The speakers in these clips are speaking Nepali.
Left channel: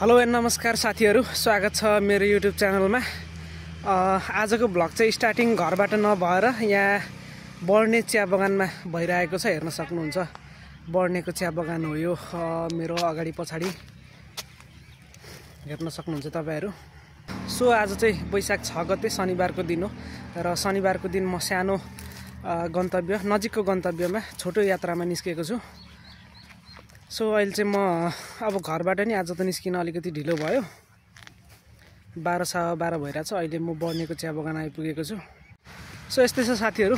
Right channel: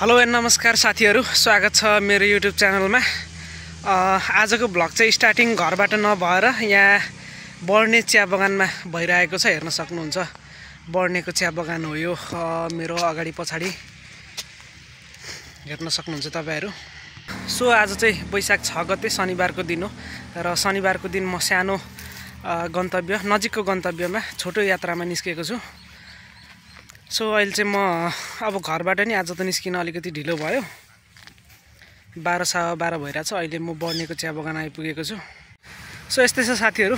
हेलो एन्ड नमस्कार साथीहरु, स्वागत छ मेरो युट्युब च्यानलमा। आजको भ्लग चाहिँ स्टार्टिङ घरबाट नभएर यहाँ बर्ने चिया बगानमा भइरहेको छ। हेर्न सक्नुहुन्छ, बर्नेको चिया बगान हो यो। मेरो अगाडि पछाडि हेर्न सक्नुहुन्छ तपाईहरु। सो आज चाहिँ वैशाख 6 गते शनिबारको दिन हो र शनिबारको दिन म सानो गन्तव्य नजिकको गन्तव्यमा छोटो यात्रामा निस्केको छु। सो अहिले चाहिँ म अब घरबाट नि आज त निस्किन अलिकति ढिलो भयो। 12:12 भइरहेछ। अहिले म बर्नेको चिया बगान आइपुगेको छु। सो यस्तै छ साथीहरु,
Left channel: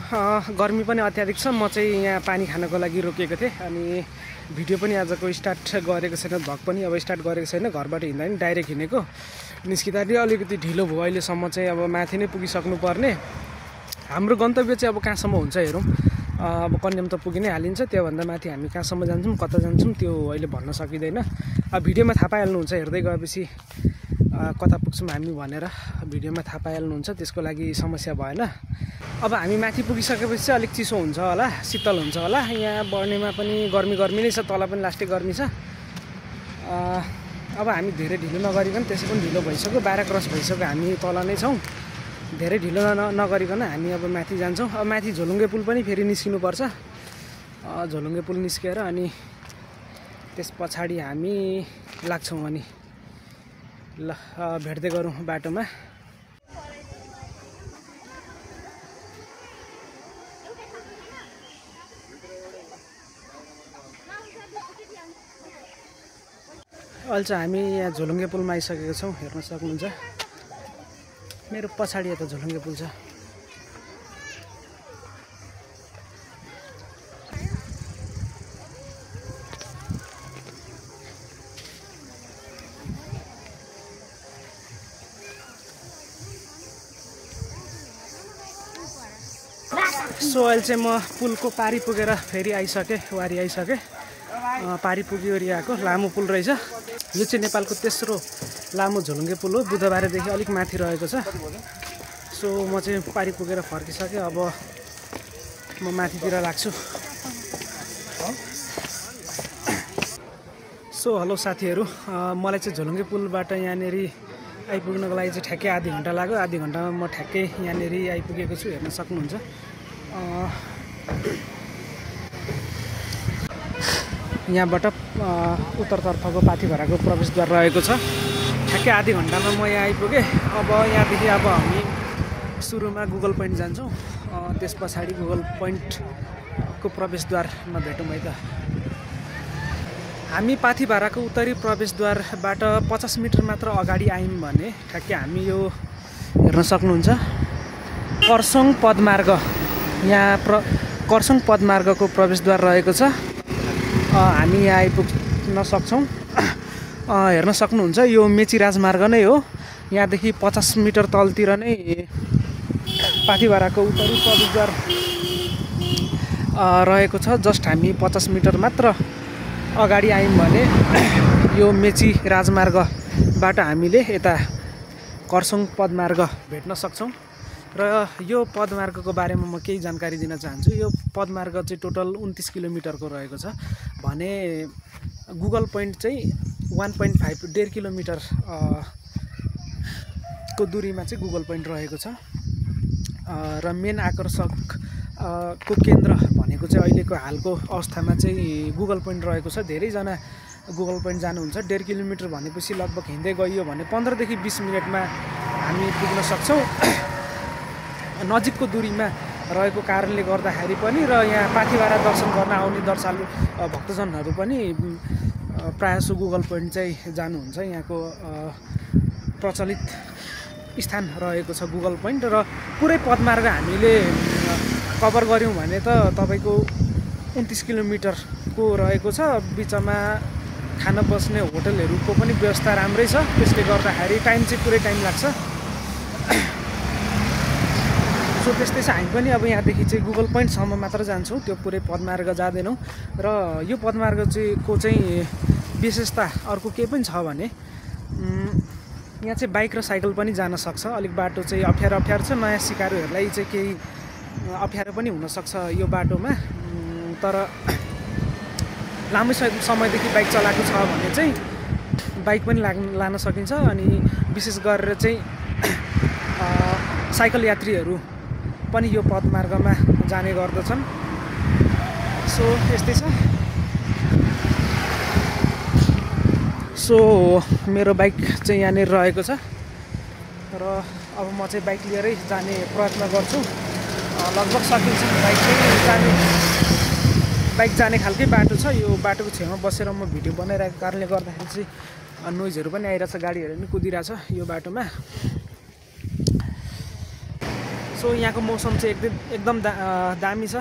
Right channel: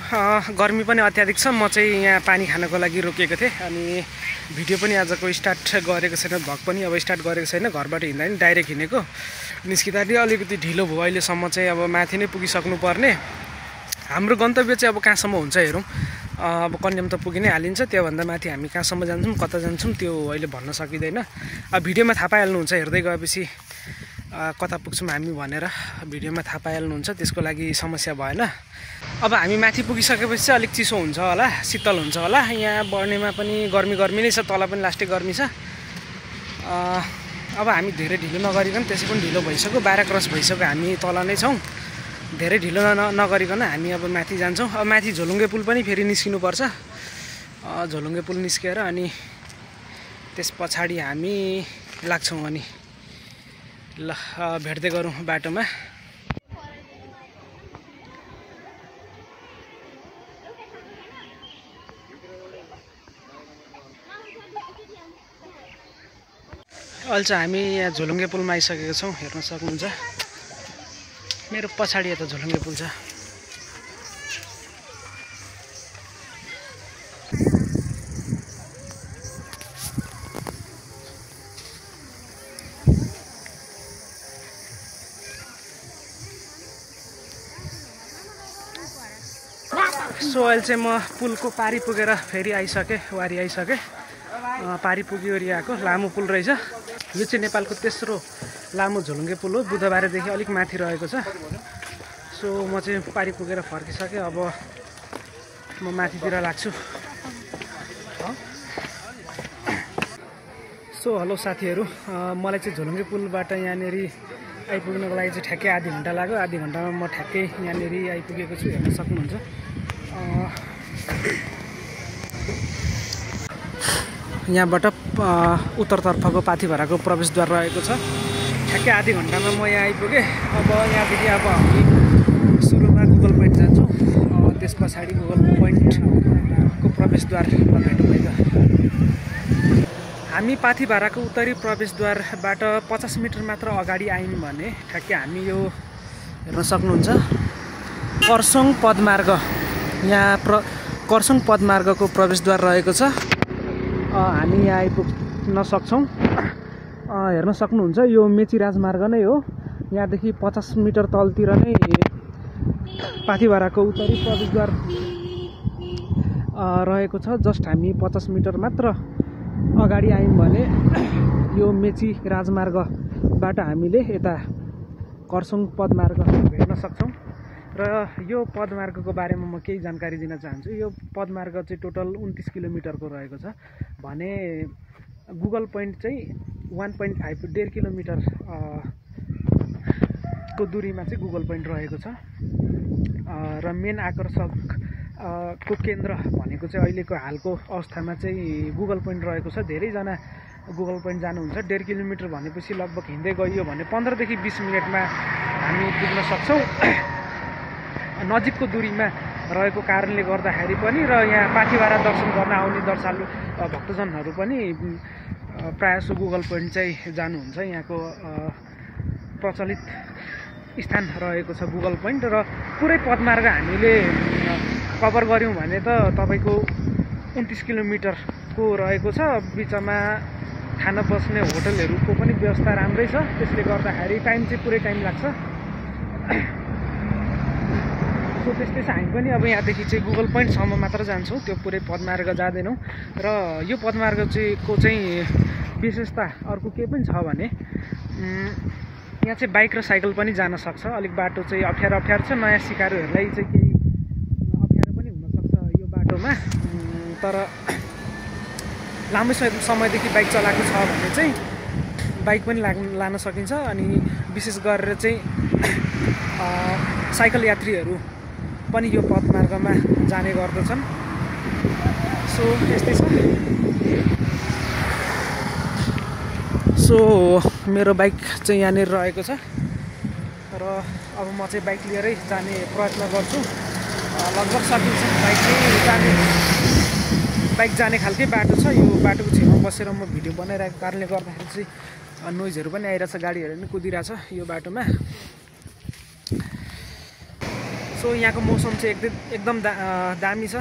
गर्मी पनि अत्याधिक छ। म चाहिँ यहाँ पानी खानको लागि रोकेको थिएँ अनि भिडियो पनि आजको स्टार्ट गरेको छैन, भ्लग पनि अब स्टार्ट गरेको छैन। घरबाट हिँड्दा नि डाइरेक्ट हिँडेको, निस्किँदा नि अलिकति ढिलो भयो। अहिलेसम्म चाहिँ अब माथि नै पुगिसक्नु पर्ने। हाम्रो गन्तव्य चाहिँ अब कहाँसम्म हुन्छ हेरौँ। अब कन्याम त पुगि नै हालिन्छ, त्योभन्दा माथि हामी कहाँसम्म जान्छौँ कता जान्छौँ त्यो अहिले भन्न सकिँदैन। अब भिडियोमा थाहा पाइहाल्नुहुन्छ, हेर्दै गएपछि कता पुग्छौँ हामी भनेर भिडियोमा थाहा पाइहाल्नुहुन्छ, त्यसको लागि समस्या भएन। अब हामी माथि पुगिसकेपछि चाहिँ अलिक चिसो हुन्छ होला, शीतल हुन्छ होला। यहाँ बर्नेमा पनि गर्मी नै छ, तल पनि लास्टै गर्मी छ। अब हामी धेरै ढिलो नगरिकन, त्यसै पनि ढिलो भइसक्यो, 12 क्रस भइसक्यो, हामी तल नै छौँ। धेरै ढिलो नगरिकन हामी अब माथि जान्छौँ। अब माथि झोलुङ्गे पुल पनि फेरि निस्किनुपर्छ। झोलुङ्गे पुल निस्केर अनि त्यस पछाडि हामी लाग्छौँ अनि ल भेट्दै गरौँ बाटोमा। अहिले चाहिँ हामी यहाँ झोलुङ्गे पुलमा आइसकेका छौँ। हेर्न सक्नुहुन्छ मेरो पछाडि यता झोलुङ्गे पुल छ। सो अहिले चाहिँ म पुलको पारी पुगेर फेरि आइसकेँ, वारी आइसकेँ। पारी पुगी वरि आएको लामो पुल रहेछ यो चाहिँ। नेपालको तेस्रो लामो झोलुङ्गे पुल हो, बुधबारेदेखि अलिक माथि रहेको छ। सो म चाहिँ पारी पुगेर फर्किसकेँ। अब म माथितिर लाग्छु। सो हेलो साथीहरू, मलाई चाहिँ झोलुङ्गे पुलबाट यहाँनिर आइपुग्नको लागि चाहिँ ठ्याक्कै आधी घन्टा लाग्यो। आधी घन्टामा म ठ्याक्कै यहाँनिर आइपुगेको छु, हेर्न सक्नुहुन्छ। यहाँबाट उत्तरतर्फको पाथिभराको प्रवेशद्वार रहेको छ। ठ्याक्कै आधी घन्टामा म यहाँ आइपुगेँ। अब यहाँदेखि अब हामी सुरुमा गुगल पोइन्ट जान्छौँ, त्यस पछाडि गुगल पोइन्टको प्रवेशद्वारमा भेटौँ है त। हामी पाथिभराको उत्तरी प्रवेशद्वारबाट 50 मिटर मात्र अगाडि आयौँ भने ठ्याक्कै हामी यो हेर्न सक्नुहुन्छ कर्सोङ पदमार्ग, यहाँ कर्सोङ पदमार्गको प्रवेशद्वार रहेको छ। हामी यहाँ आइपुग्न सक्छौँ। हेर्न सक्नुहुन्छ यो मेची राजमार्ग नै हो। यहाँदेखि 50 मिटर तलतिर नै पाथिभराको उत्तरी प्रवेशद्वार रहेको छ। जस्ट हामी 50 मिटर मात्र अगाडि आयौँ भने यो मेची राजमार्गबाट हामीले यता कर्सोङ पदमार्ग भेट्न सक्छौँ। र यो पदमार्गको बारेमा म केही जानकारी दिन चाहन्छु। यो पदमार्ग चाहिँ टोटल 29 किलोमिटरको रहेको छ भने गुगल पोइन्ट चाहिँ 1.5 किलोमिटर को दूरीमा चाहिँ गुगल पोइन्ट रहेको छ। र मेन आकर्षक को केन्द्र भनेको चाहिँ अहिलेको हालको अवस्थामा चाहिँ गुगल पोइन्ट रहेको छ। धेरैजना गुगल पोइन्ट जानुहुन्छ। 1.5 किलोमिटर भनेपछि लगभग हिँड्दै गइयो भने 15 देखि 20 मिनटमा हामी पुग्न सक्छौँ। नजिकको दूरीमा रहेको कारणले गर्दाखेरि पनि र यहाँ पाथिभरा दर्शन गर्न आउने दर्शालु भक्तजनहरू पनि प्रायःजसो गुगल पोइन्ट चाहिँ जानुहुन्छ। यहाँको प्रचलित स्थान रहेको छ गुगल पोइन्ट। र पुरै पदमार्ग हामीले कभर गऱ्यौँ भने त तपाईँको 29 किलोमिटरको रहेको छ। बिचमा खाना बस्ने होटलहरूको पनि व्यवस्था राम्रै छ, त्यसले गर्दाखेरि टाइम चाहिँ पुरै टाइम लाग्छ। सो त्यस्तै छ। हामी पनि अब यहाँदेखि चाहिँ गुगल पोइन्टसम्म मात्र जान्छौँ, त्यो पुरै पदमार्ग जाँदैनौँ। र यो पदमार्ग चाहिँ विशेषता अर्को के पनि छ भने यहाँ चाहिँ बाइक र साइकल पनि जान सक्छ। अलिक बाटो चाहिँ अप्ठ्यारो छ, नयाँ सिकारुहरूलाई चाहिँ केही अप्ठ्यारो पनि हुनसक्छ यो बाटोमा। तर लामो समयदेखि बाइक चलाएको छ भने चाहिँ बाइक पनि लान सकिन्छ अनि विशेष गरेर चाहिँ साइकल यात्रीहरू पनि यो पदमार्गमा जाने गर्दछन्। सो यस्तै छ। सो मेरो बाइक चाहिँ यहाँनिर रहेको छ र अब म चाहिँ बाइक लिएरै जाने प्रयत्न गर्छु। लगभग सकिन्छ। बाइक जाने खालकै बाटो छ। यो बाटोको छेउमा बसेर म भिडियो बनाइरहेको कारणले गर्दाखेरि चाहिँ नोइजहरू पनि आइरहेछ, गाडीहरू पनि कुदिरहेछ यो बाटोमा। सो यहाँको मौसम चाहिँ एकदम दामी छ,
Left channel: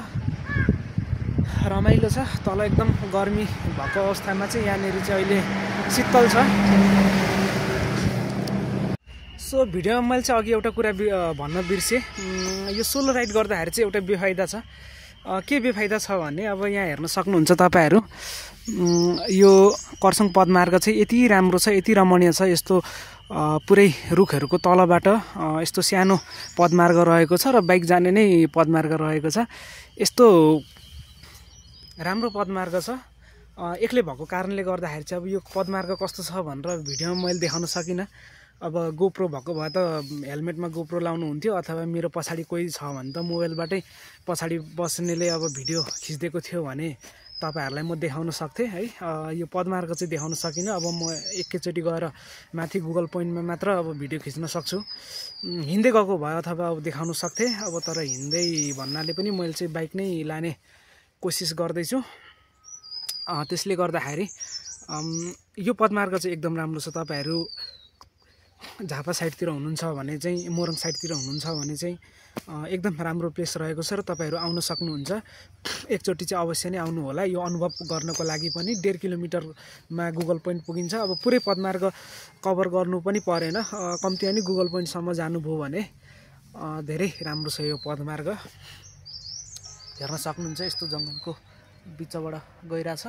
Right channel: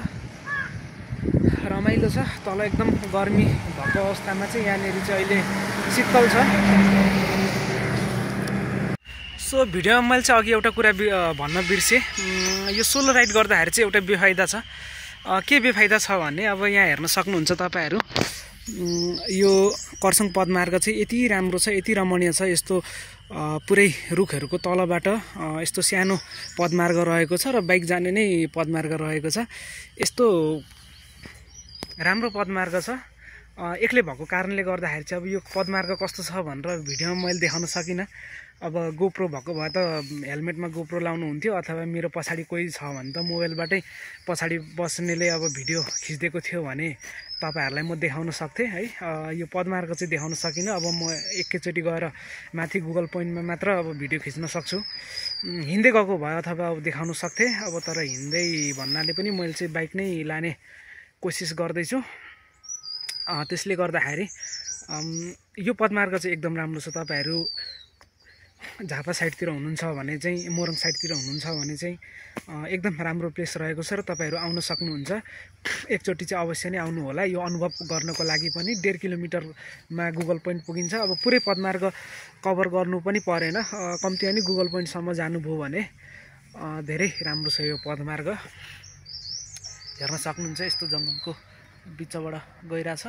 रमाइलो छ। तल एकदम गर्मी भएको अवस्थामा चाहिँ यहाँनिर चाहिँ अहिले शीतल छ। सो भिडियोमा मैले चाहिँ अघि एउटा कुरा भन्न बिर्सेँ। यो सोलो राइड गर्दाखेरि चाहिँ एउटा बेफाइदा छ। के बेफाइदा छ भने अब यहाँ हेर्न सक्नुहुन्छ तपाईँहरू, यो कर्सङ पदमार्ग चाहिँ यति राम्रो छ, यति रमणीय छ। यस्तो पुरै रुखहरूको तलबाट यस्तो सानो पदमार्ग रहेको छ र बाइक जाने नै पदमार्ग रहेको छ। यस्तो राम्रो पदमार्ग छ। एक्लै भएको कारणले गर्दाखेरि चाहिँ अब यो पदमार्ग कस्तो छ भनेर भिडियोमा मैले देखाउन सकिनँ। अब गोप्रो भएको भए त हेलमेटमा गोप्रो लाउनु हुन्थ्यो, अथवा मेरो पछाडि कोही छ भने त मोबाइलबाटै पछाडि बस्नेले अब भिडियो खिचिदिएको थियो भने तपाईँहरूलाई म देखाउन सक्थेँ है। यो पदमार्ग चाहिँ देखाउन सकिनँ। अब म एकैचोटि गएर माथि गुगल पोइन्टमा मात्र अब भिडियो खिच्न सक्छु। हिँड्दै गएको भए अथवा अब देखाउन सक्थेँ। अब तर हिँड्दै भन्नाले पनि मैले चाहिँ बाइक नै लाने कोसिस गर्दैछु। त्यसले गर्दाखेरि यो पदमार्ग चाहिँ एकदम राम्रो छ। तपाईँहरू झापा साइडतिर हुनुहुन्छ भने चाहिँ, मोरङ साइडतिर हुनुहुन्छ भने चाहिँ एकदम राम्रो प्लेस रहेको छ र तपाईँहरू आउन सक्नुहुन्छ। एकचोटि चाहिँ अवश्य नै आउनु होला। यो अनुभव गर्नको लागि पनि 1.5 किलोमिटरमा गुगल पोइन्ट पुगिन्छ। अब पुरै पदमार्ग कभर गर्नु पनि परेन, कम्ती पनि गुगल पोइन्टसम्म जानुभयो भने धेरै राम्रो छ यो पदमार्ग। हेर्न सक्नुहुन्छ यस्तो जङ्गलको बिचबाट गइरहेछ।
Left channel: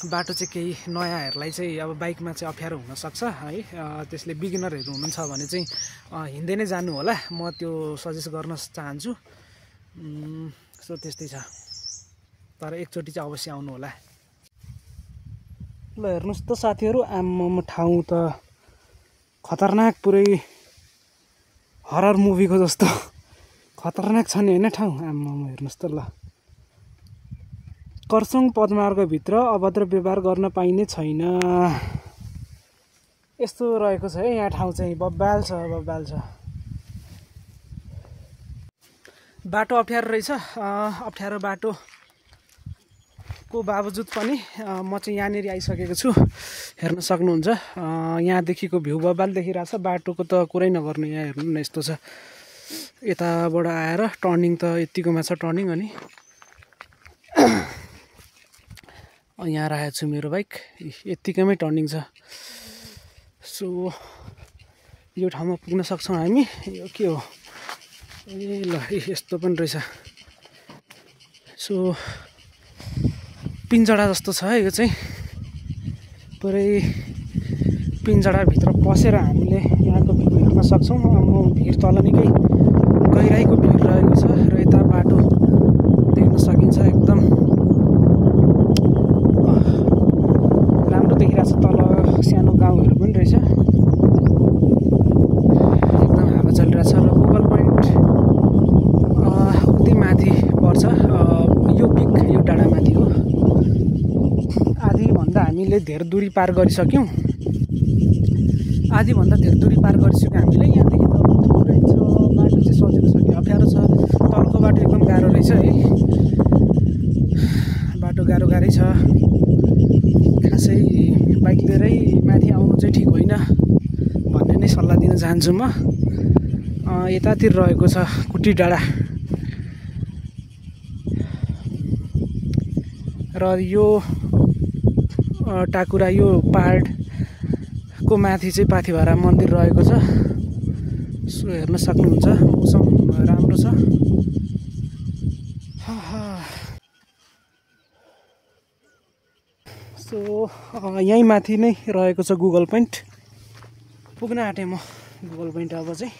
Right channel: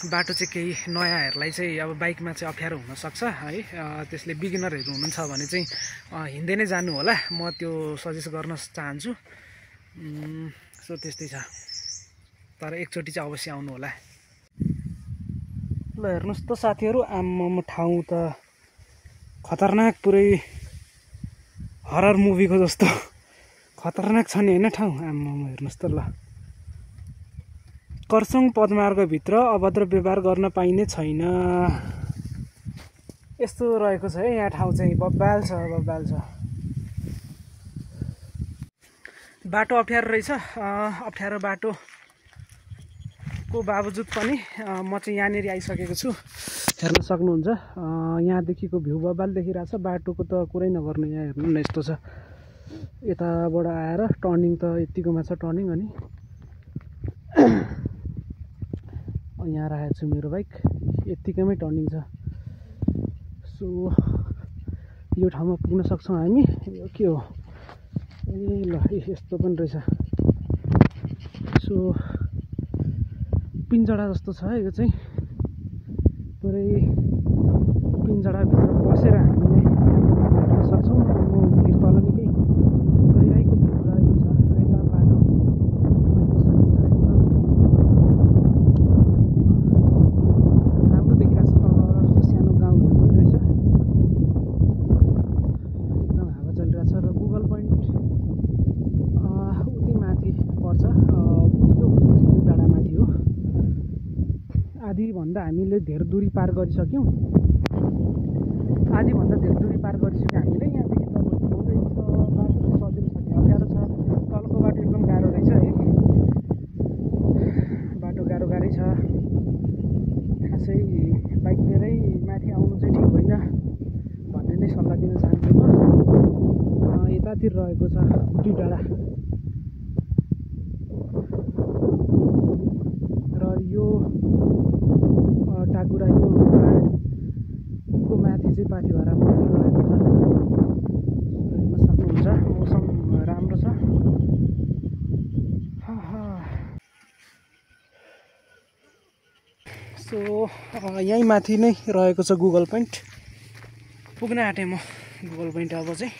बाटो चाहिँ केही नयाँहरूलाई चाहिँ अब बाइकमा चाहिँ अप्ठ्यारो हुनसक्छ है। त्यसले बिगिनरहरू हुनुहुन्छ भने चाहिँ हिँड्दै नै जानु होला, म त्यो सजेस्ट गर्न चाहन्छु। सो त्यस्तै छ। तर एकचोटि चाहिँ अवश्य आउनु होला। ल हेर्नुहोस् त साथीहरू, आम्मामा ठाउँ त खतरनाक, पुरै हरर मुभीको जस्तो खतरनाक छ नि होइन ठाउँ। आम्मामा हेर्नुहोस् त। ल कर्सङ पदमार्गभित्र अभद्र व्यवहार गर्न पाइने छैन, यस्तो रहेको छ है यहाँ ठाउँ चाहिँ। बब्बाल छ, बब्बाल छ। बाटो अप्ठ्यारो रहेछ। अप्ठ्यारो बाटोको बावजुद पनि म चाहिँ यहाँनिर आइसकेको छु। हेर्न सक्नुहुन्छ यहाँदेखिको भ्यू बब्बाल देखिरहेछ। बाटोको त कुरै नगर्नु। यहाँ हेर्नु न यस्तो छ। यताबाट आएर टर्निङ त यत्तिकोमा छ टर्निङ। अनि यहाँ राखेको छु मेरो बाइक, यत्तिकैमै टर्निङ छ। सो यो ठाउँमा पुग्न सक्छौँ हामी। यो के हो? ए ल यस्तो पनि रहेछ। सो पिन्जडा जस्तो छ है यो चाहिँ। पुरै पिन्जडाभित्र पसेर हामीले यहाँको भिड हेर्न सक्छौँ। म भिड तल निकै गहिराईको भिड रहेको छ र यता बाटो देख्न सकिन्छ। एकदम राम्रो देखिरहेछ। तल सानो गाउँहरू पनि रहेछ। एकदम हावा चलिरहेछ। र गुगल पोइन्ट उति माथि पर्छ। यो पिक यो डाँडामाथि हो। आधीभन्दा हामीले धेरै दूरी पार गरिसक्यौँ। आधीभन्दा धेरै दूरी पार गरिसक्यौँ हामीले। यहाँदेखि त थोरै छ, बाटो चाहिँ सजिलो छ कि अप्ठ्यारो छ। तलको बाटो एकदम गाह्रो रहेछ है। बाटो गाह्रै छ। खासै बाइक लिएरै माथि आउनु चाहिँ ठिक होइन भन्ने नै सल्लाह दिन चाहन्छु म। यतातिर रहेको छ कुटी डाँडा। र यो टाकुरा, यो पहाडको माथि चाहिँ पाथिभरा मन्दिर रहेको छ। सो हेर्न सक्नुहुन्छ मौसम राम्रो छ। सो यहीँ माथि नै रहेको छ गुगल पोइन्ट। पुग्न आँटेँ म गुगल पोइन्ट। अब चाहिँ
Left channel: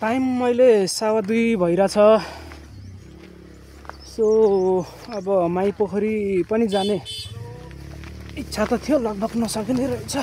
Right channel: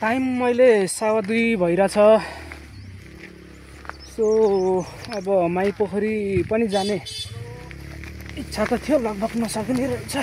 टाइम मैले 2:15 भइरहेछ। सो सो अब माई पोखरी पनि जाने इच्छा त थियो, लगभग नसकिने रहेछ।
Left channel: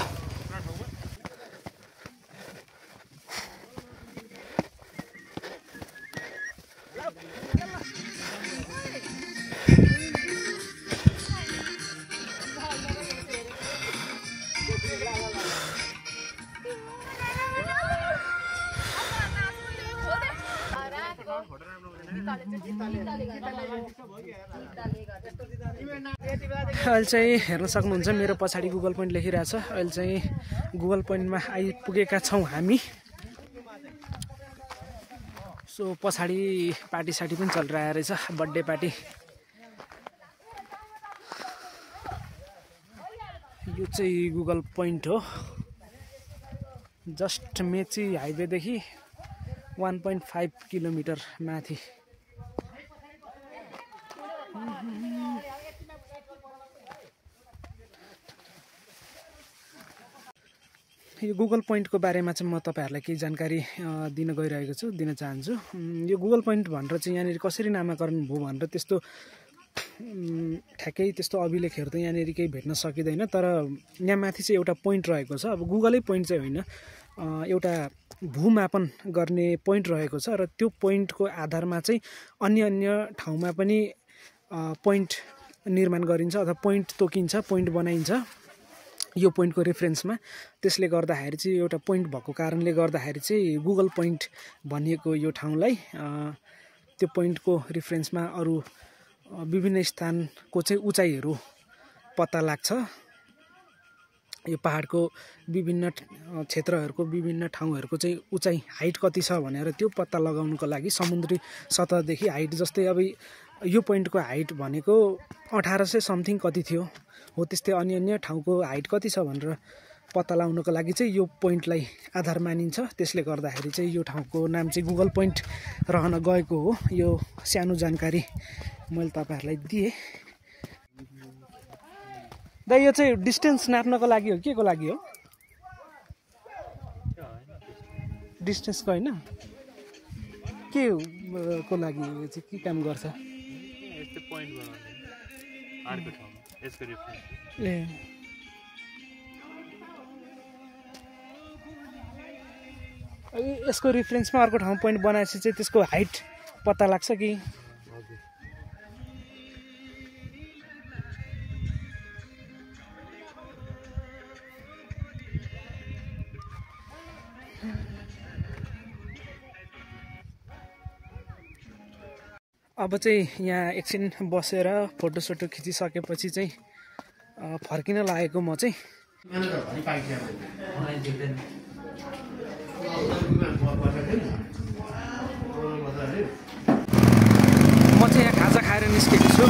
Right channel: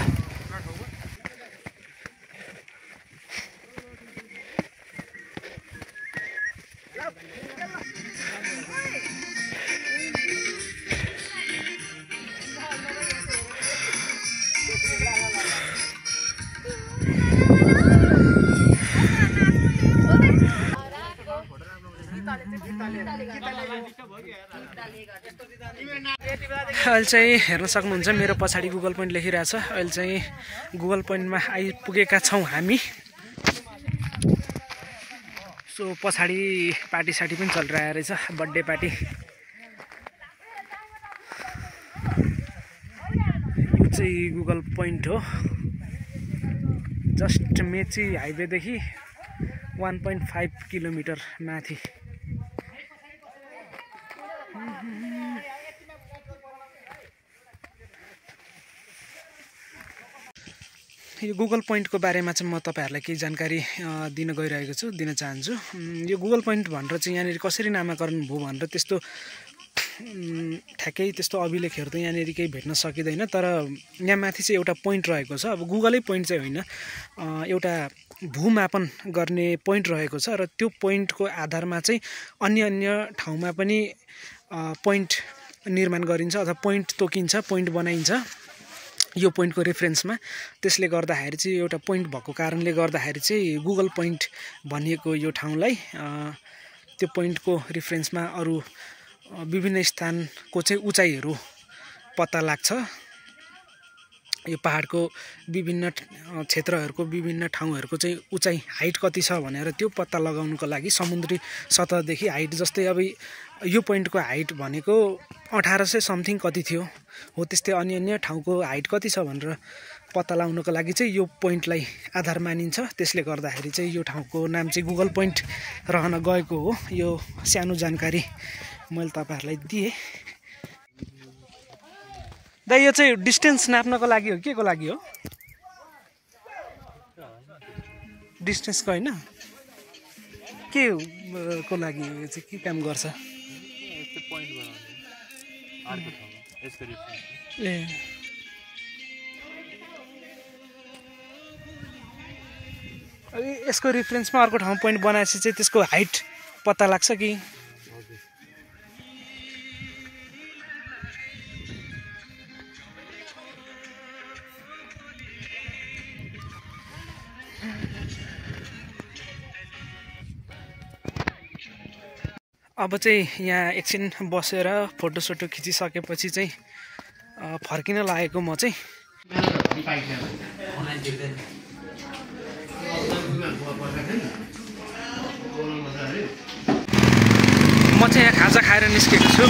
अहिले चाहिँ हेर्न सक्नुहुन्छ मेरो पछाडि गुगल पोइन्ट लेखिरहेछ। अहिले चाहिँ गुगल पोइन्टमा आइपुगेका छौँ हामी। सो पछाडि पार्टी साटी पनि चलिरहेको रहेछ, बर्थडे पार्टी। यो चाहिँ गुगल पोइन्ट हो, जस्ट मेची हाइवेदेखि 1.5 किलोमिटर माथि। यो गुगल पोइन्टको बारेमा चाहिँ म तपाईहरुलाई केही जानकारी दिन गइरहेको छु, दिन चाहन्छु। यो गुगल पोइन्ट भनेर चाहिँ यहाँनिर कसरी नामाकरण भयो भनेर त्यस्तो ठ्याक्कै त्यस्तो अभिलेखहरू त यहाँनिर केही भेट्न सकिँदैन, तर यहाँ माथि चाहिँ एउटा पोइन्ट रहेको छ। अब गुगलै पोइन्ट चाहिँ होइन, एउटा भूमापन गर्ने पोइन्ट रहेको छ र त्यो पोइन्टको आधारमा चाहिँ अन्य ठाउँमा पनि पोइन्ट निर्माण गरिन्छ अथवा पोइन्ट तोकिन्छ, पोइन्ट बनाइन्छ यो पोइन्टको रेफरेन्समा। त्यसले गर्दाखेरि चाहिँ एउटा पोइन्ट भएको कारणले गर्दाखेरि चाहिँ गुगल पोइन्ट भनिएको यो ठाउँलाई त्यो पोइन्टको रेफरेन्समा अरू विभिन्न स्थानको चाहिँ उचाइहरू पत्ता लाग्छ। यो पहाडको विभिन्न क्षेत्रहरूको विभिन्न ठाउँहरूको चाहिँ उचाइ हाइट कति छ भनेर त्यो पत्ता लगाउनुको लागि समुद्री सतहदेखि हाइट, जस्तै अब यो पोइन्टको हाइट भनेको 1800 समथिङ कति थियो हो, त्यस्तै अन्य ठाउँको हाइट कति छ भनेर पत्ता लगाउनुको लागि चाहिँ यो पोइन्टलाई आधार मानिन्छ। त्यसले गर्दाखेरि चाहिँ यो ठाउँको नाम चाहिँ गुगल पोइन्ट रहन गएको हो। यो सानो जानकारी मैले तपाईहरुलाई दिएँ। दाइ यो चाहिँ डिस्टेन्स नाप्नको लागि हो, के को लागि हो? डिस्टेन्सको होइन, के को लागि हो? यो चाहिँ के काम गर्छ? ए यसको रिफरेन्समा अर्को ठाउँ पोइन्ट बनाएपछि चाहिँ त्यसको हाइट पत्ता लाग्छ कि? अब चाहिँ यहाँ एकछिन बसेर फोटोसोटो खिचिसकेपछि चाहिँ फर्किन लागेको म चाहिँ। म चाहिँ यहाँ खाजा खाएर निस्केको छु।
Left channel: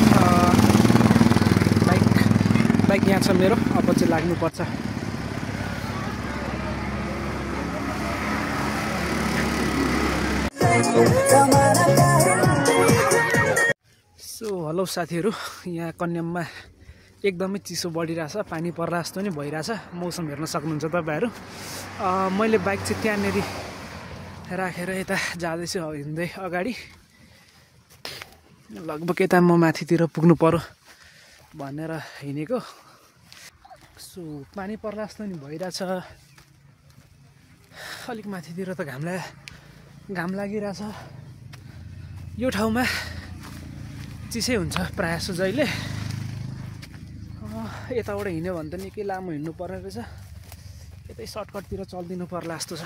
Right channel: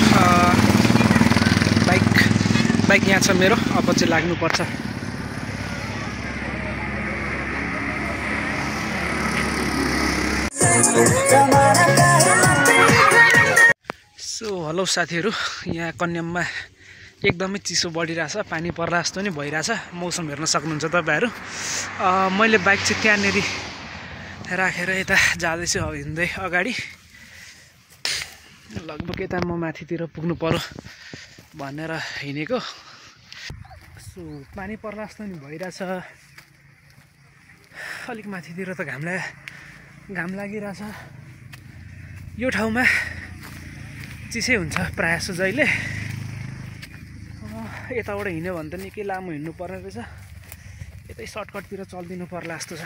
बाइक यहाँ छ मेरो, अब चाहिँ लाग्नुपर्छ। सो हेलो साथीहरू, यहाँ कन्याममा एकदमै चिसो बढिरहेछ, पानी पर्ला जस्तो नि भइरहेछ। मौसम हेर्न सक्नुहुन्छ तपाईँहरू। मैले बाइक चाहिँ त्यहाँनिर राखेर यता जाँदैछु हिँड्दै अगाडि। लगभग यता म माथितिर पुग्नु पर्यो भनेर हिँडेको। सो पानी पर्ला जस्तो नि भइरहेछ, अलिक माथितिर त घाम लागिरहेछ। यो ठाउँमा चिसै हुन्छ प्रायः जस्तो जहिले। यताबाट हिँड्यो भने त निकै लामो हिँड्नु पर्ने रहेछ, यतै सर्टकटतिर चलिदिनु पर्ला जस्तो छ।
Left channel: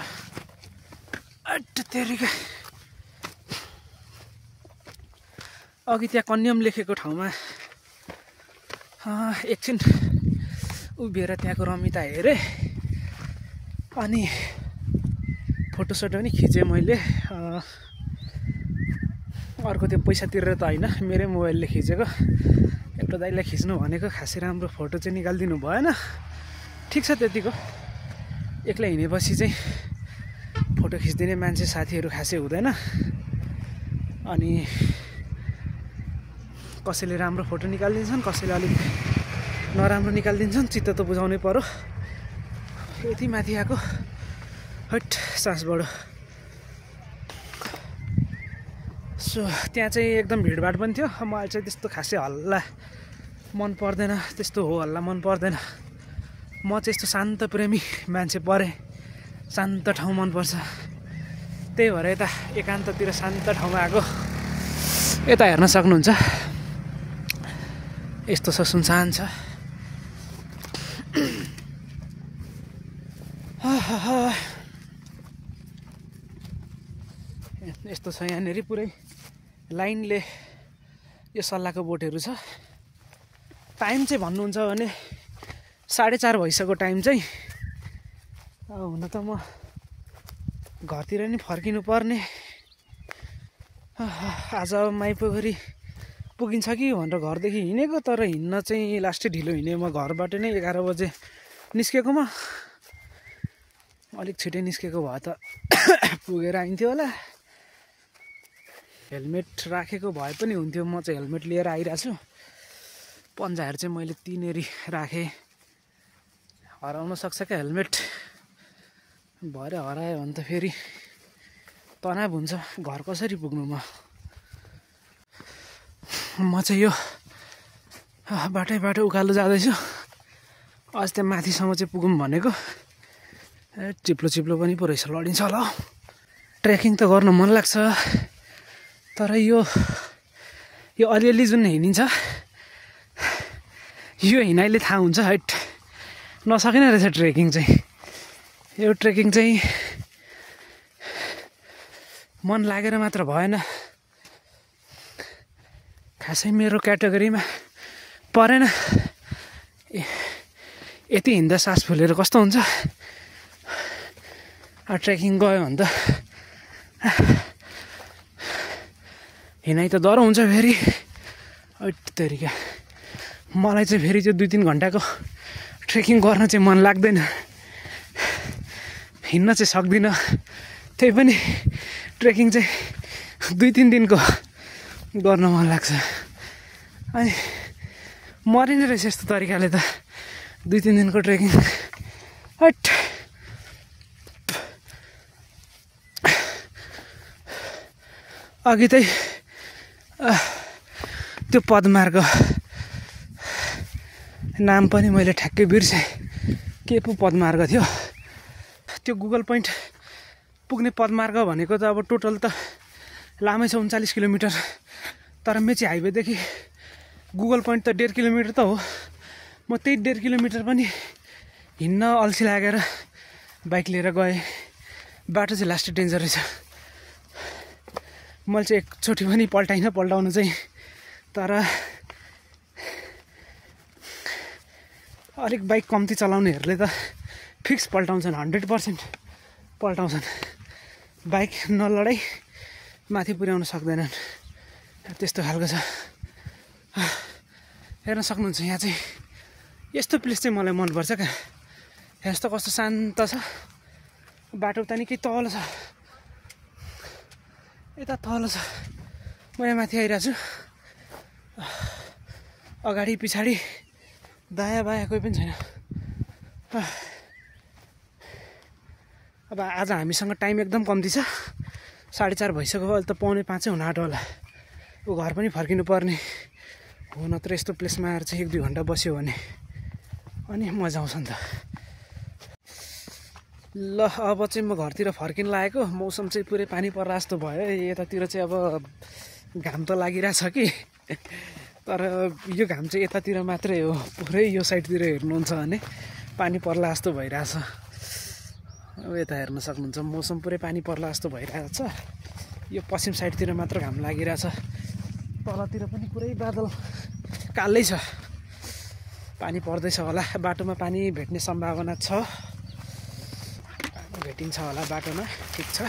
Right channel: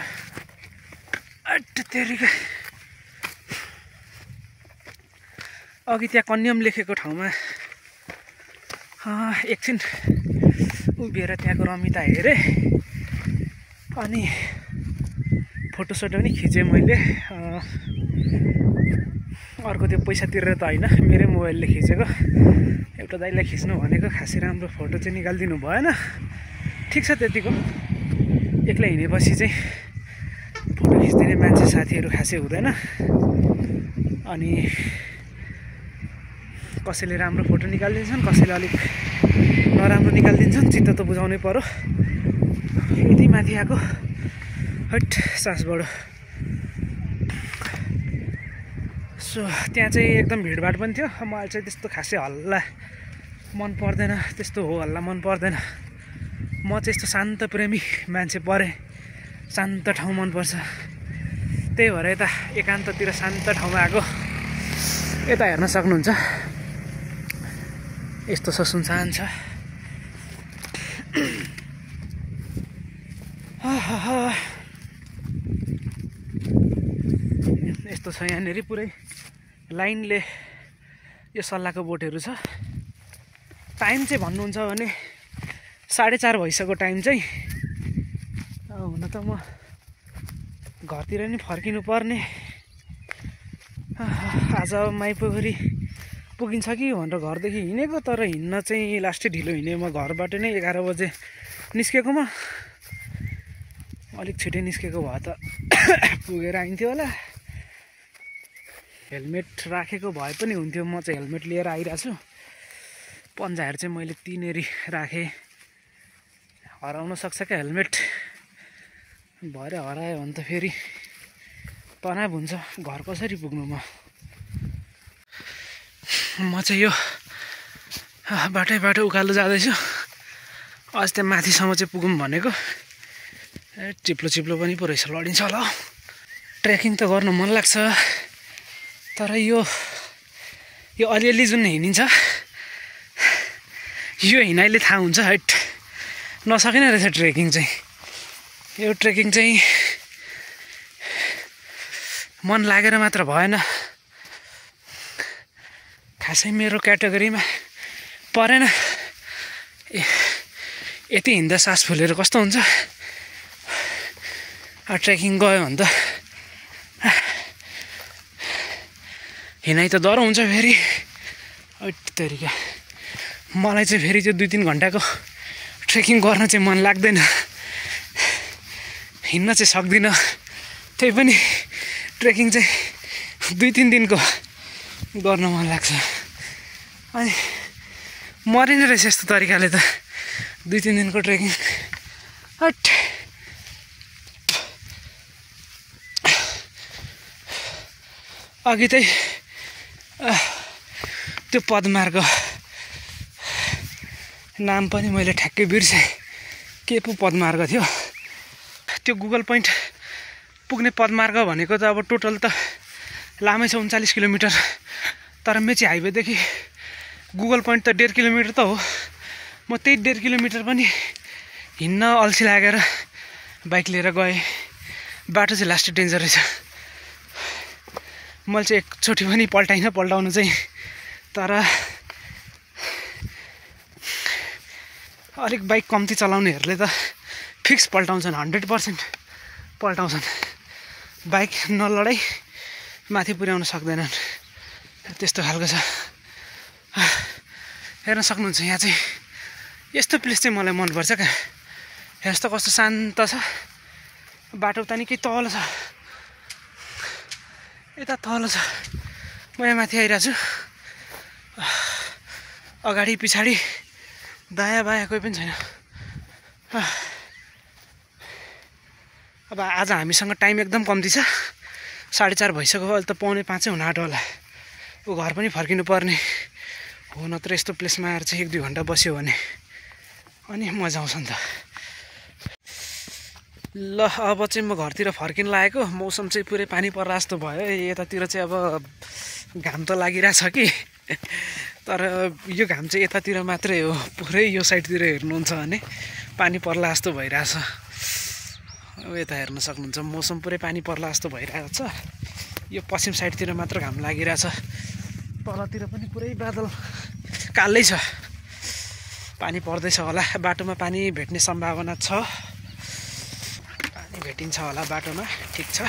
तेरिका अघि त्यहाँ कन्याम लेखेको ठाउँमा एकछिन उभिएर त्यहाँको रमिता हेरेँ, अनि फोटोसोटो पनि खिचेँ मैले। अर्को त्यो पैसा तिरेर त होइन, मेरै मोबाइलले खिचेको। एउटा दाइलाई खिच्नु भनेको, खासै राम्रो फोटो चाहिँ निकालिदिनु भएन। ठिक छ, त्यतिको। एक्लै हिँडेपछि चाहिँ फोटो खिचिदिने मान्छे साथीहरू खासै हुँदैन, अनि कसैले राम्रो फोटो निकालिदिन्छन्, कसैले अलिक नराम्रो निकालिदिन्छन्। चित्त त बुझाउनै पर्यो। यति माथि आएको, हट सास बढो। सो त्यहाँ चाहिँ एकदम भिडभाड पनि थियो। मलाई चाहिँ त्यस्तो खासै हल्ला मन पर्दैन, त्यस्तो हो हल्ला मन पर्दैन। म चाहिँ यस्तो शान्त प्रेमी मान्छे परेँ, शान्त ठाउँ मनपर्छ। त्यही भएर यता एकान्ततिर शान्त ठाउँमा आएको। यता हेर्न सक्नुहुन्छ यस्तो छ, सुनसान छ। यस्तो छ यहाँनिर पुरै लाइनले यो सल्लाहको बोटहरू छ। टाइम चाहिँ भन्नुहुन्छ भने 4:30 भइसक्यो टाइम चाहिँ। हुन त म घरतिर नि फर्किनु पर्ने। आज माइपोखरी पुगिन्छ कि भनेर घरदेखि हिँडेको, तर हिँड्न चाहिँ लास्टै ढिलो हिँडेँ। म घरबाट नै 11 बजे निस्केकोमा अलिक छिटै निस्केको भए त पुगेर आइन्थ्यो होला। हेलमेट राखेको भए पनि हुन्थ्यो। म चाहिँ हेलमेट लिएर आइरहेको छु। पन्जाहरू चाहिँ मैले तिनेरी राखेँ। हराउन सक्छ क्या हेलमेट, भरे हरायो भने त फेरि तनाव हुन्छ। घर कसरी पुग्नु म चाहिँ यो बाटो उकालो जाँदैछु। अझ त्यहाँ माथिसम्म चाहिँ पुगौँ भनेको। चिप्लो पनि पो रहेछ, लडिन्छ होला। ट्रेकिङ त गर्नु मन लाग्छ, तर यो अलिअलि जुन हिँडिन्छ यो हिँडाइले थाहा हुन्छ। हैट नसकिने रहेछ ट्रेकिङ चाहिँ। यो ट्रेकिङ चाहिँ मन लागेर मात्र भएन, खासै मेरो क्याटेगोरीमा परेन। यति हिँड्दा सास फुलेर कस्तो हुन्छ। ट्रेकिङ गयो भने त हिँडाइ त डह्रो हुन्छ फेरि। तरिका मलाई चाहिँ फेरि त्यो 2-3 घन्टाको ट्रेकिङ गर्न चाहिँ मन लाग्दैन, हिँड्न चाहिँ सक्दिनँ। त्यही पनि ट्रेकिङ चाहिँ 2-3 दिनको गर्न मन लाग्छ। अनि मरिने रहेछ यस्तो तरिकाले त 2-3 दिनको ट्रेकिङ। हट अघि चाहिँ त्यो पदमार्ग नाम पनि मैले ठ्याक्कै बिर्सेँ, के पो पदमार्ग थियो। त्यो गुगल पोइन्ट पुग्ने पदमार्ग भनेको त अब टोटल त लामै छ 39 किलोमिटर, तर मेची हाइवेदेखि गुगल पोइन्ट त 1.5 किलोमिटर त हो। म त्यही 1.5 किलोमिटर पनि हिँड्न अल्छी लागेर बाइक लिएर गएँ। बाटो चाहिँ लास्टै डेन्जर रहेछ। मैले चाहिँ एकचोटि पनि पल्टाउनु चाहिँ, तर अलिक बाइक कम्ती चलाउनेहरूले त फिक्स पल्टाउँछन्, 100% पल्टाउँछन्। बाइक नलडाइ माथि पुर्याउन सक्दैनन्, त्यस्तो खालको छ। हेर्न सक्नुहुन्छ यहाँ चाहिँ यस्तो प्लेस चाहिँ मलाई मनपर्छ क्या। यस्तो कस्तो शान्त छ। बाटो उता निकै तल छ, यता तल छ। म यहाँ माथि आइरहेको छु। अगाडि पछाडि दायाँ बायाँ कोही पनि छैन। अब आज हामीसँग टाइम एकदम कम्ती छ। 4:30 भइसक्यो, अहिले त 4:45 हुन आँट्यो होला। ऊ घर पनि फर्किनु पर्ने हो, नत्र यस्तो प्लेसमा आएर चाहिँ 1-2 घन्टा बस्यो भने अनि मजा आउँछ नि त। ल अब चाहिँ म घरतिर फर्किन लागेको। मौसम चाहिँ पुरै पानी पर्ला जस्तो भयो। यतातिर चाहिँ अब घाम त लागिरहेछ कि, तर यो घाम चाहिँ यतातिर मात्रै हो। पुरै यो साइडतिर हेर्नुहुन्छ भने पानी पर्ला जस्तो भइरहेछ। अब यता हेर्न सक्नुहुन्छ मौसम पुरै पानी पर्ला जस्तो भइरहेछ। यो पश्चिम साइडतिर मात्र घाम लागिरहेछ, तलतिर पनि पुरै बादल कालै छ। पानी पर्दैछ होला, बाटोमा पानी भेट्ने सम्भावना छ। पानी भेटिन्छ होला बाटोमा, ठिक छ।